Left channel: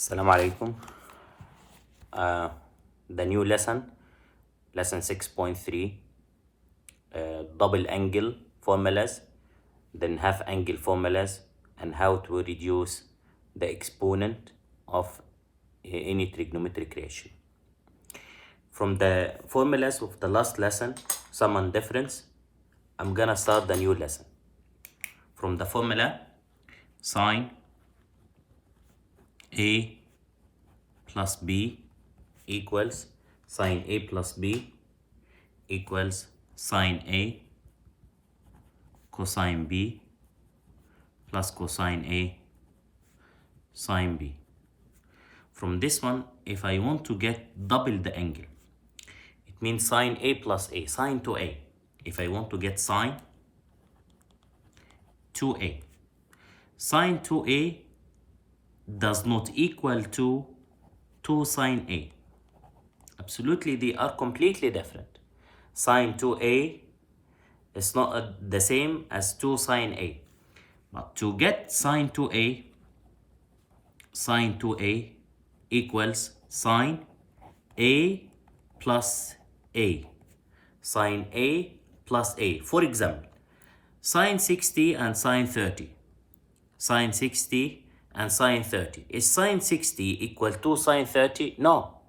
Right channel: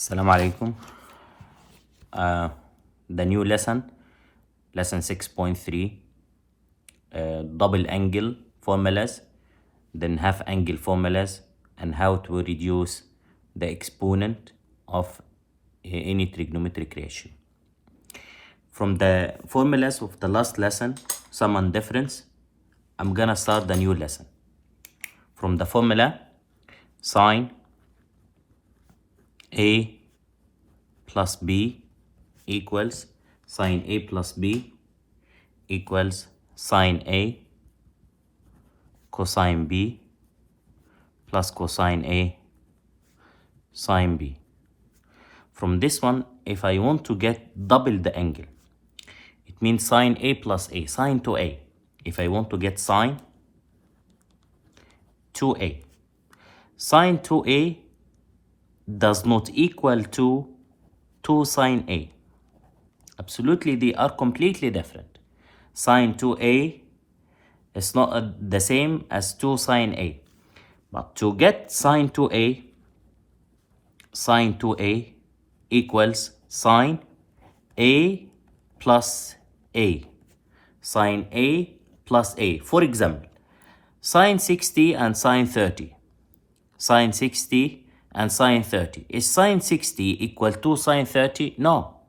Assalamu alaikum. The new lesson 6.3, double angle formulas, then half angle formulas, and how to reduce the exponent of any trigonometric ratio. From the formulas of the last lesson, sum and difference, I'm gonna start the new lesson. From the formula, sine A plus B equals sine A plus B equals sine A cosine B plus cosine A sine B. From this one, if I want to get double the angle, it means sine A plus A, sine 2A. If I want to get sine 2A, sine 2A does not equal to 2 sine A. Absolutely, they are completely different. Sine 2A is not the same as 2 sine A. But to get sine 2A, sine 2A equals sine A plus A. Sine A plus A. For example, sine 60 and sine 30. Sine 60 and sine 30. Is sine 60 equal to sine 30? No.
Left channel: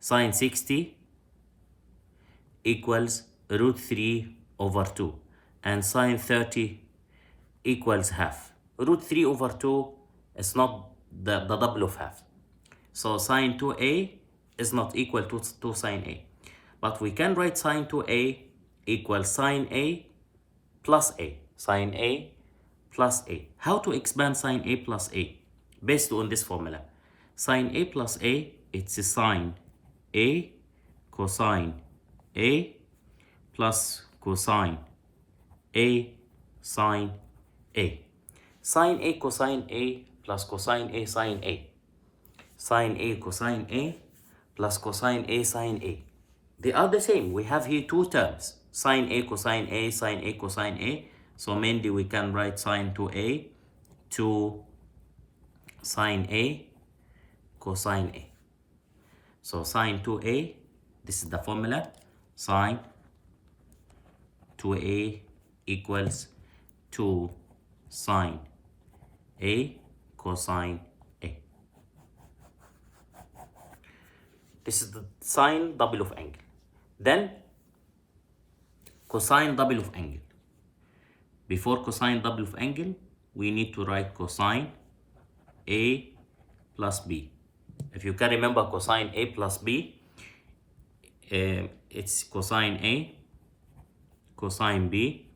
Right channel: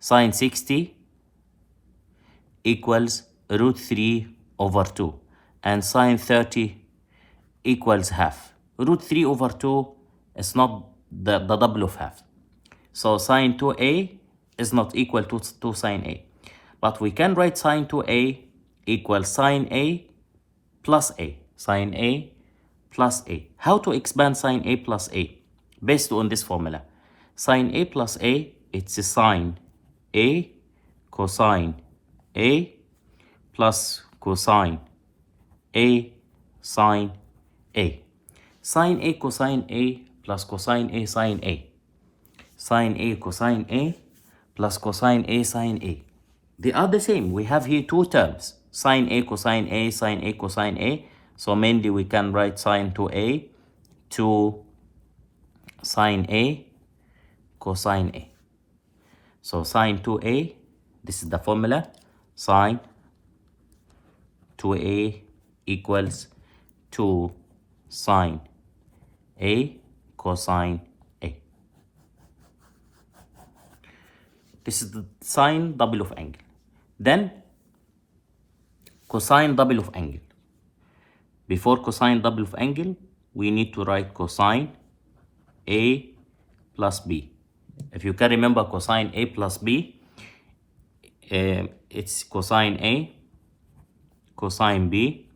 Sine 60 equals root 3 over 2. And sine 30 equals half. Root 3 over 2 is not the double of half. So sine 2A is not equal to sine A. But we can write sine 2A equals sine A plus A. Sine A plus A. How to expand sine A plus A? Based on this formula. Sine A plus A, it's a sine A cosine A plus cosine A sine A. Sine A cosine A plus cosine A sine A. Sine A cosine A plus cosine A sine A. They are the same. We have here two terms. Sine A cosine A, sine A cosine A. So mainly we can write sine 2A to sine A cosine A. So sine 2A, this is the formula. Sine 2A equals 2 sine A cosine A. This is the sine double of angle. Then cosine double of angle. Before cosine double of angle, we need to write cosine A plus B. If you can remember cosine A plus B, it's cosine A cosine B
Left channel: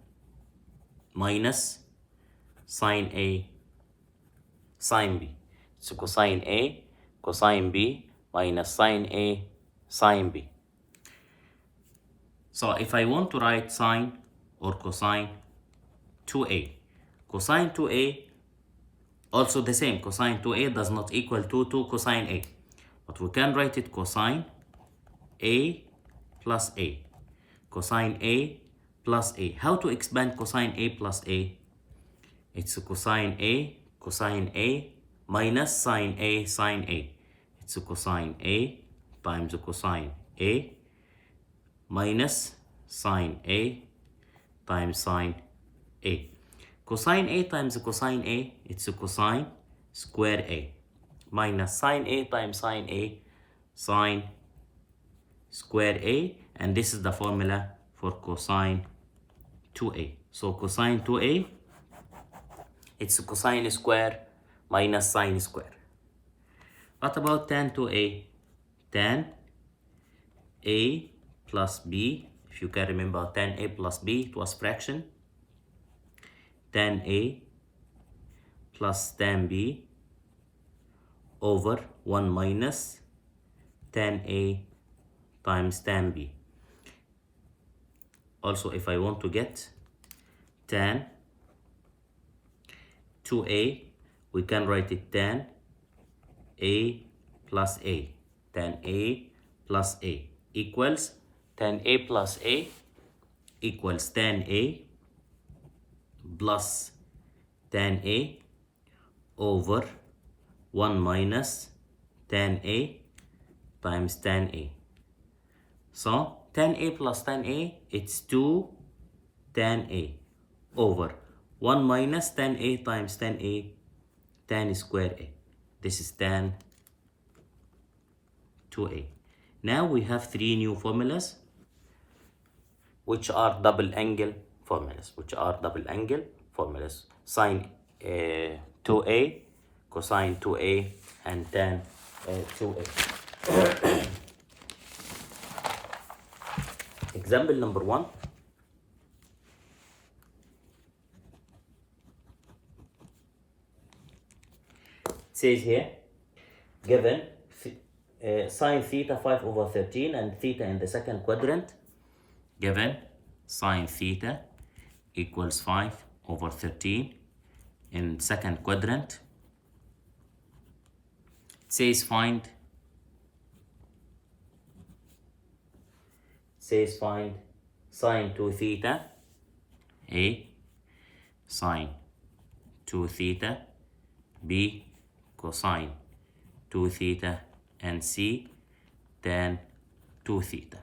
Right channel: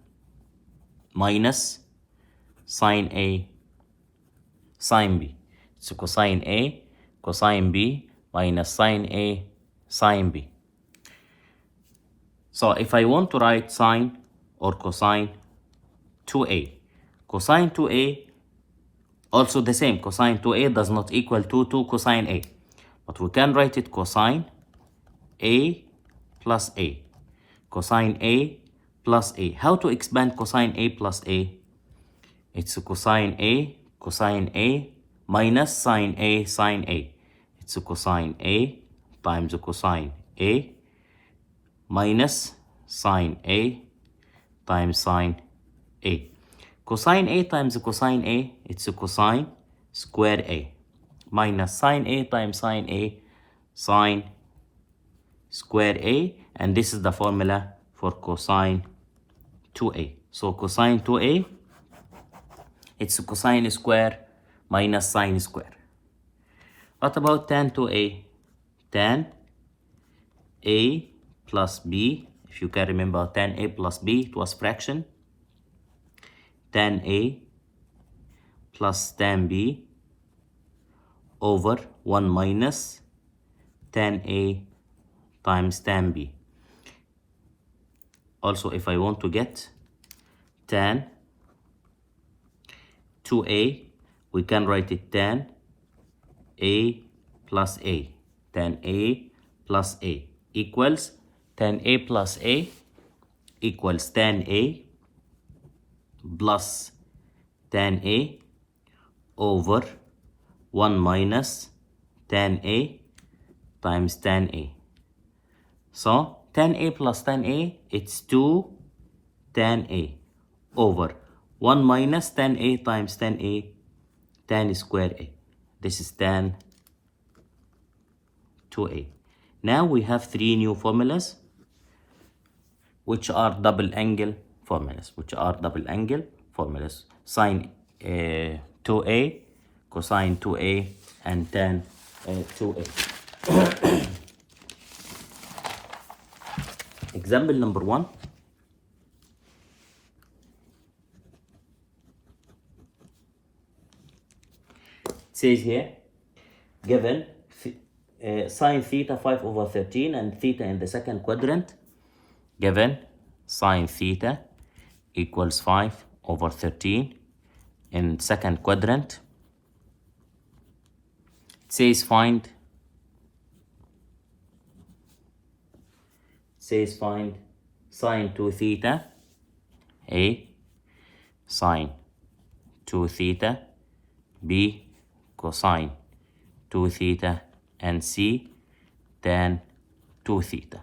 minus sine A sine B. It's cosine A cosine B minus sine A sine B. So if I want to write sine or cosine 2A, cosine 2A also the same. Cosine 2A does not equal to 2 cosine A. But we can write it cosine A plus A. Cosine A plus A. How to expand cosine A plus A? It's cosine A minus sine A sine A. It's cosine A times cosine A minus sine A times sine A. Cosine A times cosine A, it's cosine square A minus sine A times sine A, sine square A, and this is the formula for cosine 2A. So cosine 2A, it's cosine square minus sine square. What about tan 2A? Tan A plus B. If you can remember tan A plus B, it was fraction. Tan A plus tan B over 1 minus tan A times tan B. Also, if I want to get tan 2A, we can write it tan A plus A. Tan A plus A equals tan A plus A equals tan A plus tan A over 1 minus tan A times tan A. So tan A plus tan A, it's 2 tan A over 1 minus tan A times tan A, tan square A. This is tan 2A. Now we have three new formulas, which are double angle formulas, Sine 2A, cosine 2A, and tan 2A. Example number 1. It says here, given sine theta 5 over 13 and theta in the second quadrant, given sine theta equals 5 over 13 in second quadrant, it says find sine 2 theta A, sine 2 theta B, cosine 2 theta, and C, tan 2 theta.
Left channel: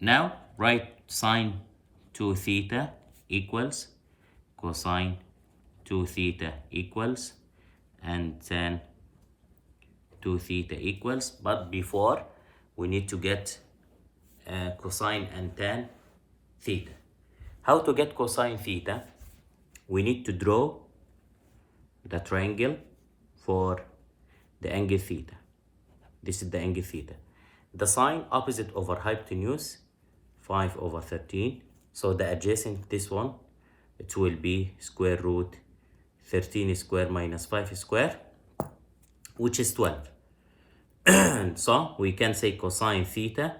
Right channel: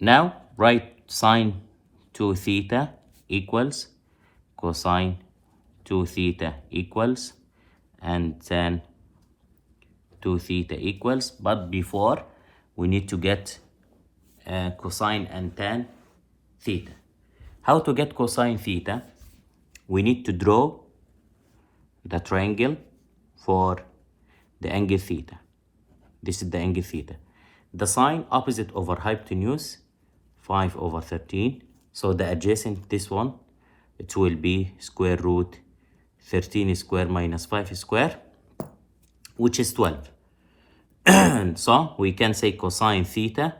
Now write sine 2 theta equals cosine 2 theta equals and tan 2 theta equals, but before we need to get cosine and tan theta. How to get cosine theta? We need to draw the triangle for the angle theta. This is the angle theta. The sine opposite over hypotenuse, 5 over 13. So the adjacent, this one, it will be square root 13 square minus 5 square, which is 12. So we can say cosine theta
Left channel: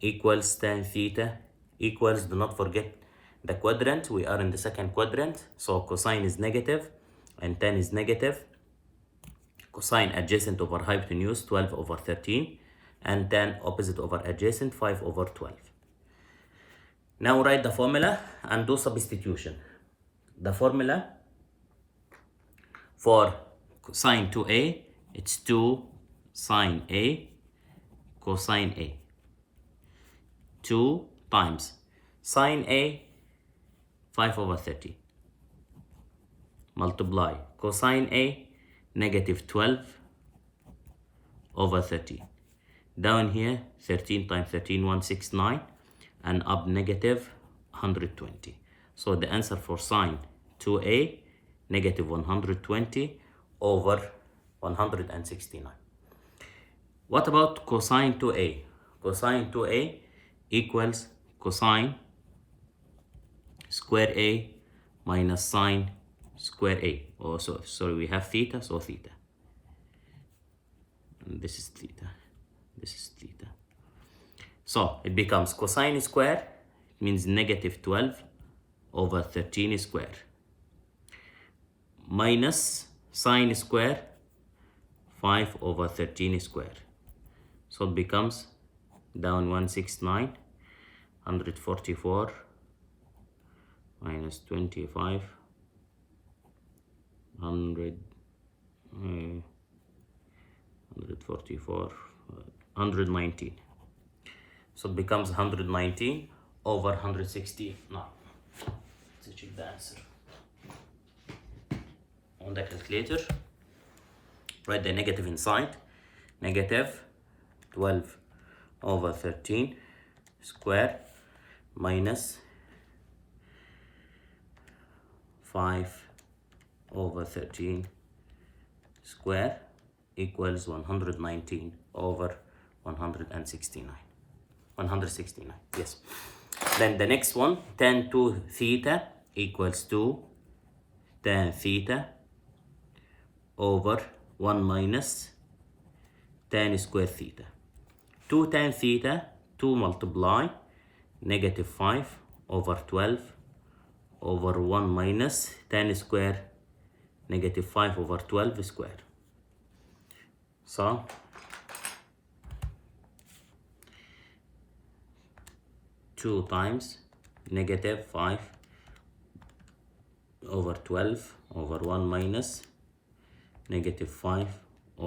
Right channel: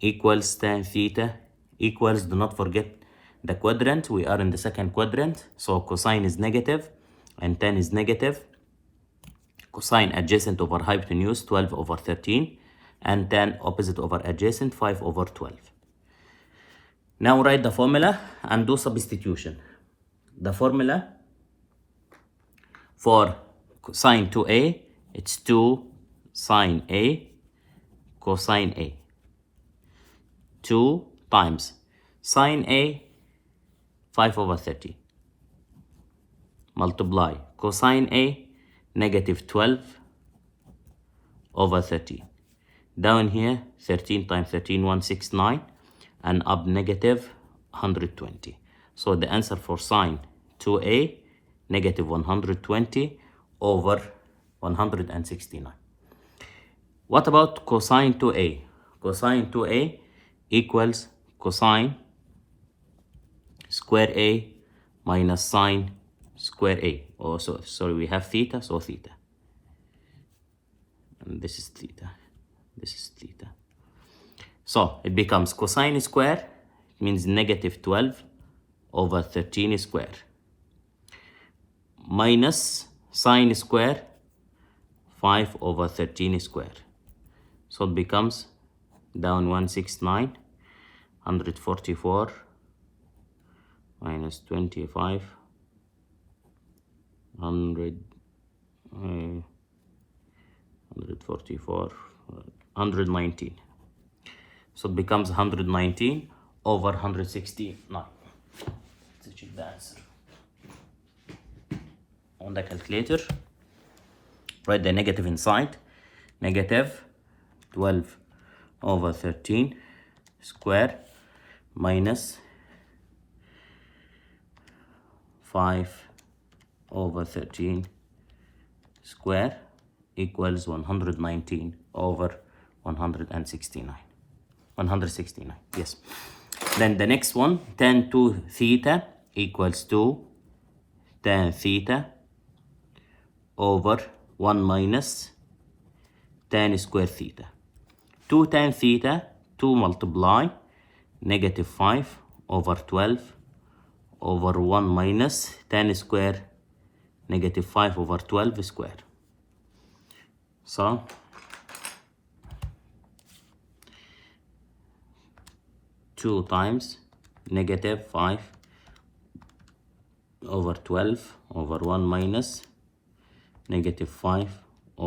equals tan theta equals, do not forget the quadrant, we are in the second quadrant, so cosine is negative and tan is negative. Cosine adjacent over hypotenuse, 12 over 13, and tan opposite over adjacent, 5 over 12. Now write the formula and do substitution. The formula for sine 2A, it's 2 sine A cosine A. 2 times sine A, 5 over 13, multiply cosine A, negative 12 over 13. Down here, 13 times 13, 169, and up negative 120. So the answer for sine 2A, negative 120 over 169. What about cosine 2A? Cosine 2A equals cosine square A minus sine square A. Oh, sorry, we have theta, so theta. And this is theta. This is theta. So it becomes cosine square, it means negative 12 over 13 square, minus sine square, 5 over 13 square. So it becomes down 169, 144 minus 25, 144, 119. So it becomes 119 over 169. Let's check the answer on the calculator. Write the negative inside. Negative 12 over 13 square minus 5 over 13 square equals 119 over 169. 169, yes. Then the next one, tan 2 theta equals 2 tan theta over 1 minus tan square theta. 2 tan theta, 2 multiply negative 5 over 12 over 1 minus tan square negative 5 over 12 square. So 2 times negative 5 over 12 over 1 minus negative 5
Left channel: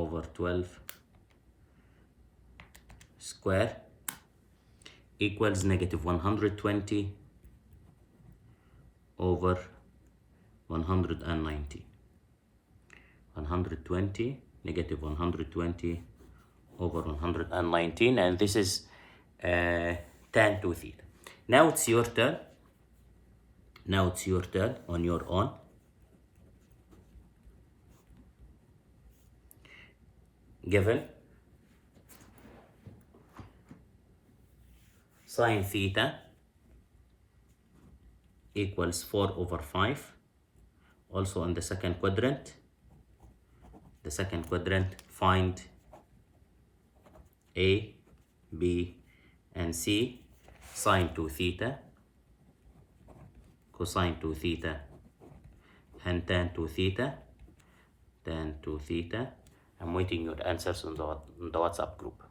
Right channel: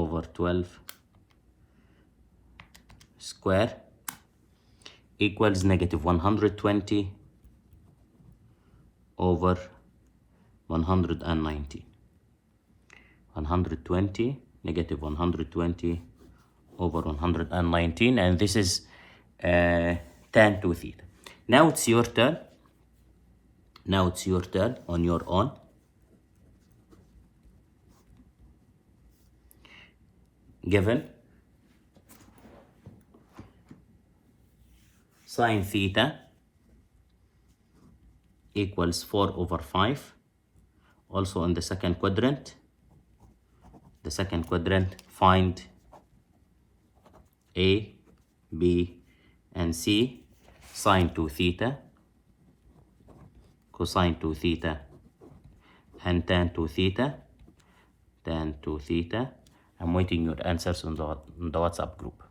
over 12 square equals negative 120 over 190. 120, negative 120 over 119, and this is tan 2 theta. Now it's your turn. Now it's your turn on your own. Given sine theta equals 4 over 5. Also in the second quadrant, find A, B, and C, sine 2 theta, cosine 2 theta, and tan 2 theta, tan 2 theta. I'm waiting your answers on the WhatsApp group.